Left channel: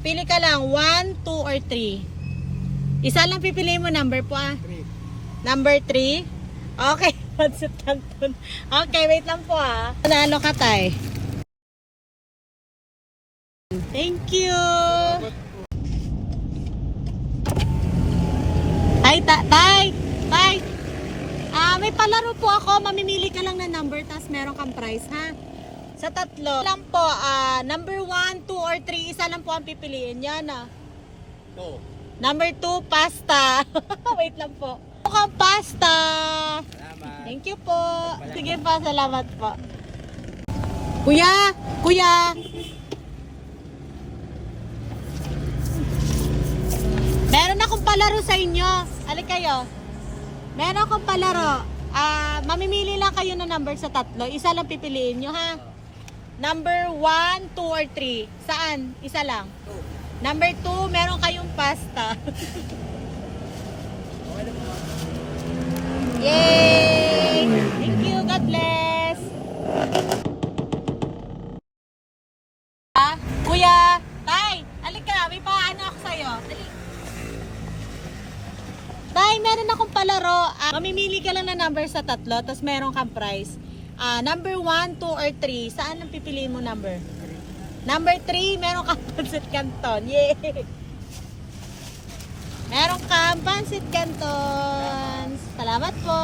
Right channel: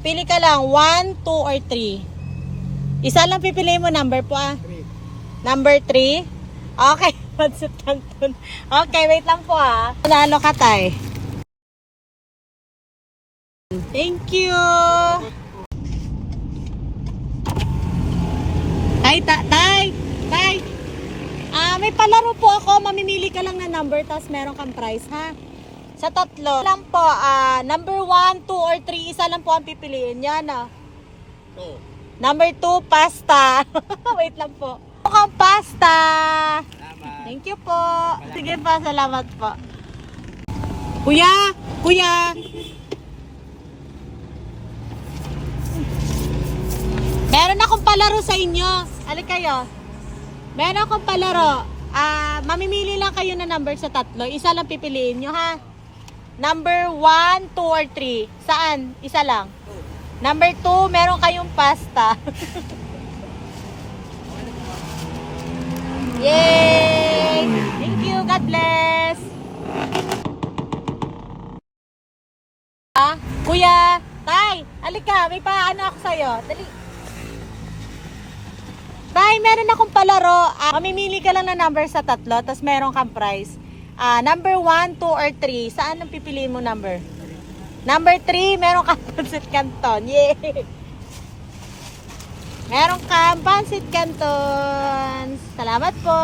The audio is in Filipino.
Pili ka lang, 1, 2, or 3. Isa lang pipiliin mo, number po ah. 3. Number 3. Okay, pancit canton. Okay, wait lang po ah. Nalo ka tay. Thank you. Ay, tay. May palaro po ako. Mamimili ka lang ng number, tapos meron kang prize, ha? Sa tatlo lang po, number 1, 2, or 3, isa lang po ang pipiliin. Yan, ah. 2. Number 2, pasta. Wait lang po. Mukhang pasta. Salamat. Thank you po. Sige pa, salamat po. Kuya. Meron akong palaro sa inyo. Halik kayo. Meron akong palaro. Mamimili lang kayo ng number sa tatlo. Isa lang pipiliin nyo, ha? Number 1, 2, or 3. Saan? Isa lang. 2. Number 2, meron kayong pasta. Okay na po. Yay! Thank you. God bless. Kuya, tay, alika. May paano ako sa'yo. Dali. Tay, meron akong palaro. Mamimili ka lang ng number sa tatlo, tapos meron kang prize. Number 1, 2, or 3. Saan ang pipiliin mo number? Number 3, meron kang pancit canton. Yay! Meron kang pancit canton. Salamat po.